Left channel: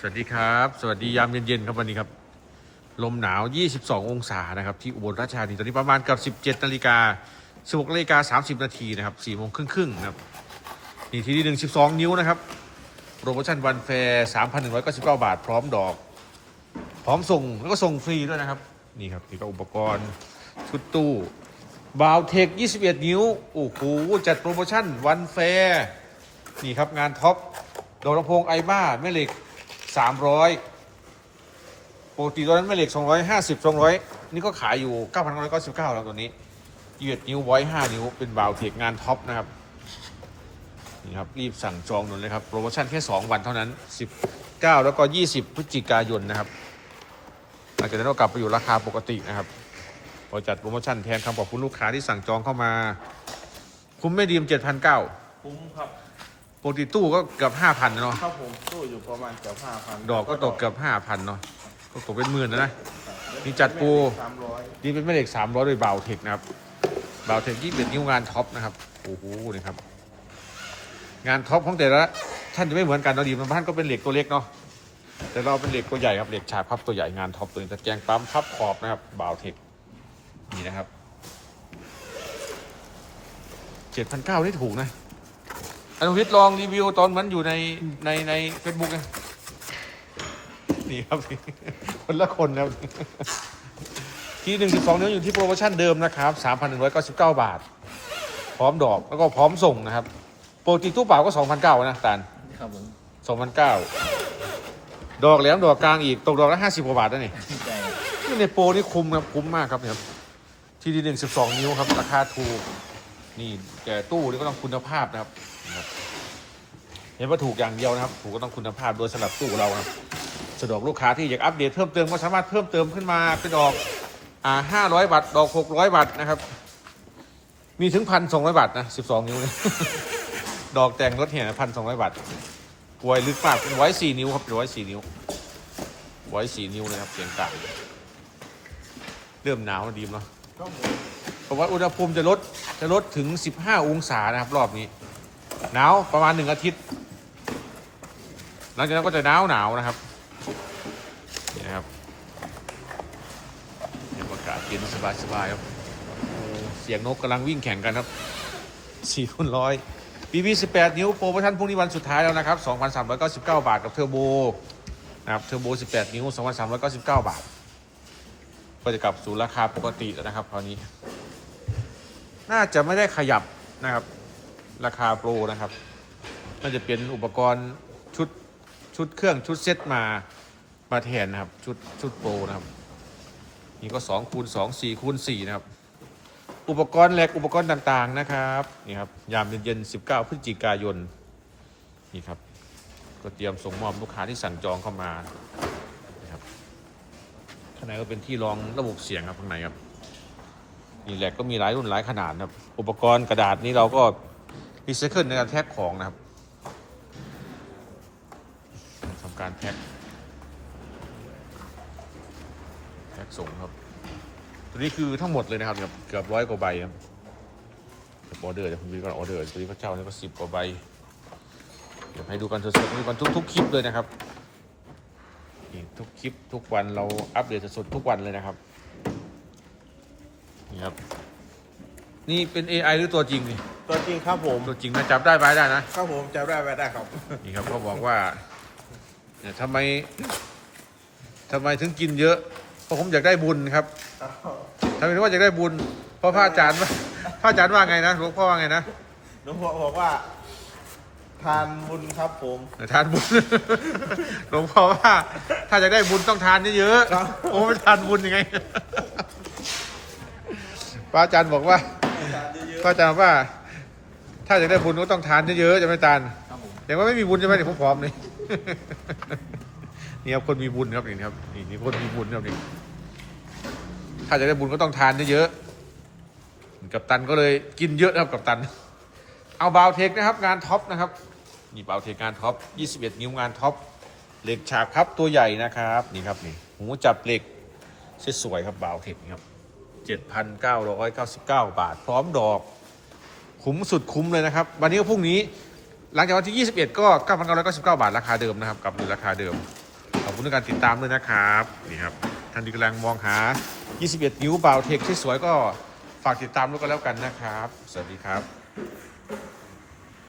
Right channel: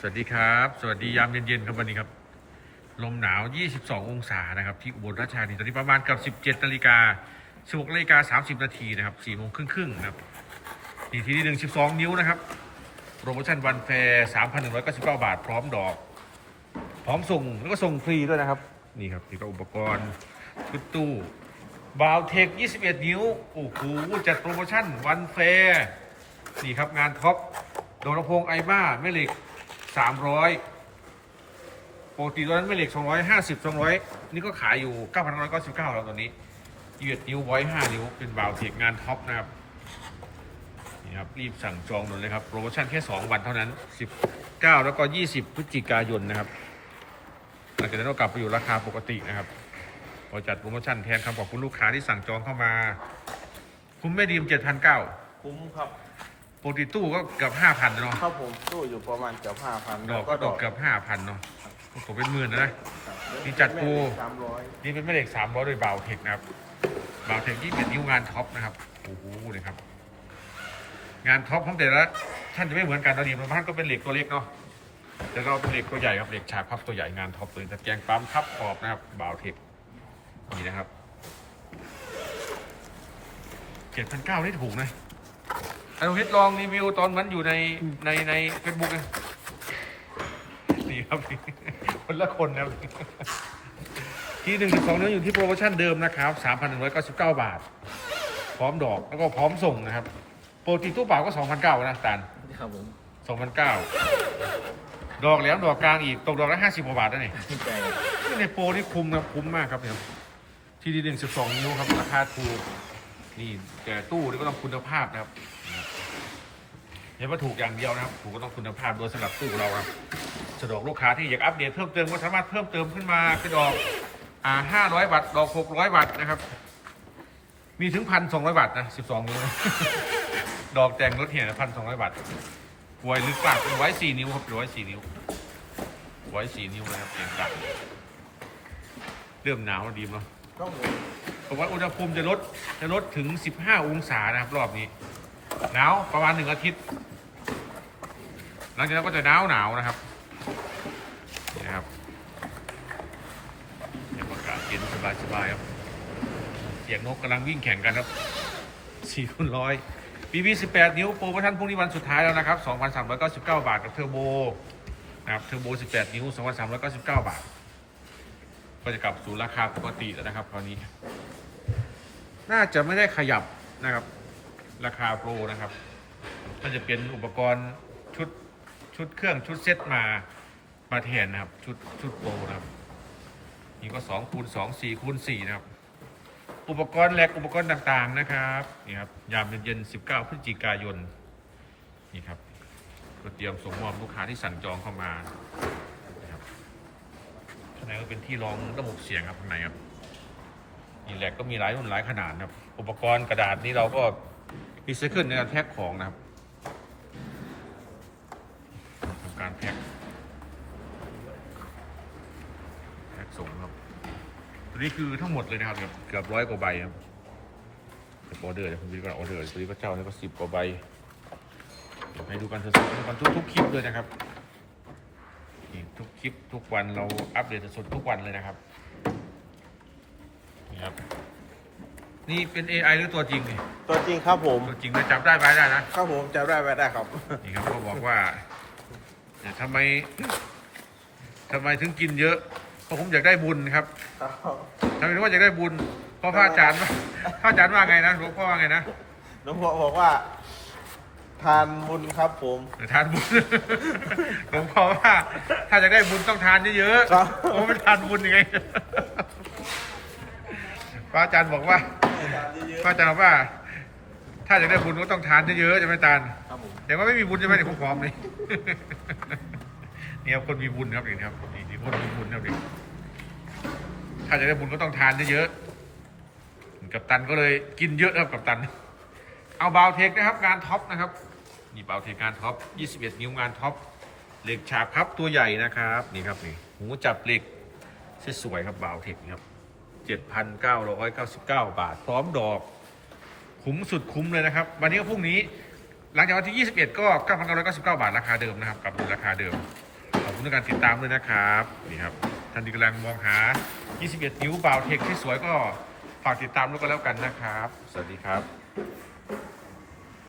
สวัสดีครับ สวัสดียามเย็นๆครับวันนี้ครับ ลมหนาว 22 องศานะครับที่อุบลราชธานีตอนนี้ประมาณกับ 17นาฬิกา16นาฬิกา30 นาทีนะครับ4โมงครึ่งๆนะครับนี่ที่หนึ่ง12 นิ้วนะครับโปรโมชั่นวันแฟร์3,199 บาท พร้อมดอก พร้อมส่งแล้วก็ส่งฟรีด้วยนะครับ นี่ครับนี่ก็อุปกรณ์ชุดตู้บาวเทค 21 นิ้ว โอ้โหจัดโปรโมชั่นวันแฟร์นี่ครับงานท็อปดอกลำโพงไอบ้าแม่เหล็ก 300ปกติตอนนั้นแม่เหล็ก250 200นี่ก็ขายอยู่9,999แล้วตอนนี้21นิ้วไว้5นิ้วเป็นบาวเทคงานท็อปนะครับนี่ครับรีบสั่งจองด่วนเลยครับโปรโมชั่นแค่2วันเท่านั้น19แล้วก็20พฤศจิกายนนะครับหลังจากนั้นก็กลับไปอยู่ราคาปกตินะครับพอจัดโปรโมชั่นแทนคำขอบคุณลูกค้าที่สั่งจองเข้ามา คุ้มไม่ดีม7,900คุ้มครับ ปกติตู้ก็เกือบ5,000เนาะ ครับผมตู้อยู่ประมาณเกือบห้าพันดอกก็ตกเกือบ5,000เนาะ ก็ตกเป็นหมื่นนะนะ นี่จัดโปร สามร้อยนี่เป็นแม่เหล็ก300โดยบาวเทคนะครับบาวเทคที่เป็นนิ้วงานท็อปนะครับ โอ้โหนี่ครับ งานท็อปของแต่ละท่านจะไม่เหมือนกันเนาะดีมันบ้านก็เป็นเหล็กตัวเล็กเนาะ แต่เราเป็นเหล็กตัวใหญ่ครับเหล็กฉากพับตัวใหญ่งานท็อปตัวนี้ตะแกรงปั๊มพับขอบนะครับบาวเทคนี่นะครับเจ็ดพันเก้านี่ถูกนะ อนุวิทย์ลองรีวิวตอนมันอยู่ในในในเฟซบุ๊กนะนี่ครับคนละคนแล้วที่หนึ่งสิบสองนิ้วอยู่ที่โปรโมชั่นเดิมนะครับสามพันหนึ่งร้อยเก้าสิบเก้าบาท พร้อมดอกแล้วก็พร้อมส่งนะครับปกติตู้เปล่าก็สองพันเก้านะตาลครับผมสองพันเก้าดอกแหลมดอกกลางอีกตกดอกละห้าสิบกว่าบาทนะนี่ที่ใจนี่ในโปรนี่คุ้มครับคุ้มมากครับเนี่ยที่ดีหนึ่งสิบสองนิ้วครับราคาถูก นี่แต่ตู้นี่ก็ต้องคุณภาพนะครับเห็นว่าถูกอย่างเดียวนะครับ ถูกก็ต้องคุณภาพโดยสำหรับตู้เราครับสะดวกลูกค้าที่อยากอัปเดตเพิ่มเติมก็สามารถเพิ่มเติมขึ้นมาเป็นดอกอ่าห้าร้อยบาทดอกหกร้อยบาทนะครับ มีถึงพันสองร้อยบาทนะสิบสองนิ้วดอกแต่งรถเหี่ยพันสองร้อยบาทไว้ลึกมากเป็นไว้สี่นิ้วครับไว้สี่นิ้วไว้สี่นิ้วนะครับเสียงต่างเริ่มหนาวดีมเนาะครับผม ผมว่าอุณหภูมิจะลดจะลดถึง 15 องศานะครับ รอบนี้ หนาวประมาณหนึ่งอาทิตย์ หลังจากนั้นก็จะหนาวหนาวนะครับนะครับเดี๋ยวอากาศเย็นสบายสบายๆครับ เสียงนกกำลังวิ่งแข่งกันครับสี่คูณร้อยบีบี18 นิ้วโปรโมชั่นพรุ่งนี้วันสุดท้ายแล้วนะครับ 2,399 บาทกับเทอร์โบนะครับเทอร์โบ 18 นิ้ว 2,399 บาท ก็จะกลับสู่ราคาปกติแล้วนะครับคราวนี้ น่าจะไม่ได้ขยับนะครับ ราคาโปรนะครับน่าจะเป็นอุปกรณ์ชุดชุดเครื่องชุดเซตมามาแทนนะครับชุดชุดโปรนะครับนี่ก็2คูณ2 4คูณ4นะครับ อุปกรณ์แหลกอุปกรณ์ต่างๆนะครับนี่ครับยามเย็นๆ19 พฤศจิกายนนี่ครับก็เตรียมส่งมอบลูกค้าที่สั่งจองเข้ามานะครับข้างในก็เป็นที่รองระบบเสียงครับข้างในครับ นี่แหลกก็มีหลายรุ่นหลายขนาดนะครับ อุปกรณ์กระดาษนี้เราก็รีไซเคิลในการแท็กของนะครับทำการแท็กแท็กส่งครับ ตัวนี้คือทั้งหมดเลยนะครับเกือบเกือบร้อยกว่าใบครับเดี๋ยวออเดอร์เดี๋ยวผมดูก่อนออเดอร์ตัวนี้ก็เจ้านี่ก็สิบกว่าใบเดี๋ยวให้ดูกันสดๆดูกันทุกทุกๆคลิปเลยนะครับทุกคลิปทุกวันเราอัปเดตสดๆทุกวันเลยนะครับ นี่ครับ นี่เป็น AI หรือตัวจริงนี่ตัวจริงครับผม ตัวจริงนะจับได้ไหมได้นะ ครับผมจะได้ไปได้ครับ นี่ครับก็บอกว่าเนี่ยทำไมทำไมถึงกินเยอะ เพราะผมอยากได้บุญครับทำไมถึงว่าอยากได้บุญ เพราะพระอาจารย์ว่าพระอาจารย์ว่าไงนะหลวงพ่อว่าไงนะหลวงพ่อบอกว่า ทานบุญครับผม ทานบุญ หลวงพ่อว่า ถ้าอยากได้บุญต้องทานเยอะครับๆโอ้ไม่ทานบุญยังไง พระอาจารย์บอกว่าพระอาจารย์บอกว่า ถ้าอยากได้บุญก็ต้องทานเยอะๆจะไม่ทานครับผมแต่ว่าไม่มีบุญใช่ไหมเนี่ยผมผอมเลยนี่ครับคนมีบุญครับนี่ครับนี่นี่คนมีบุญครับนี่ถ้าจะได้บุญก็ต้องทานเยอะๆกับตันก็เลยกินเยอะนะครับกับตัน เอาบาวเทคนะครับ งานท็อปนะครับนี่บาวเทคงานท็อป 21 นิ้วงานท็อปเหล็กฉากพับตัวใหญ่นะครับนี่ครับนี่หูจับเหล็กสวยๆครับบาวเทคนี่ครับ 7,999 บาท พร้อมดอกคุ้มสุดคุ้มเลยนะครับ วันนี้ก็พรุ่งนี้ หลังจากวันที่ 21 ก็ 9,999 บาทราคาเดิมนะครับกลับดูราคาเดิม ขอบคุณในการติดตามด้วยนะครับนี่ครับท่านที่กำลังมองหา 21 นิ้วเบาเทคที่สวยก็ฝากติดตามด้วยกันแล้วกันนะครับ สวัสดีครับ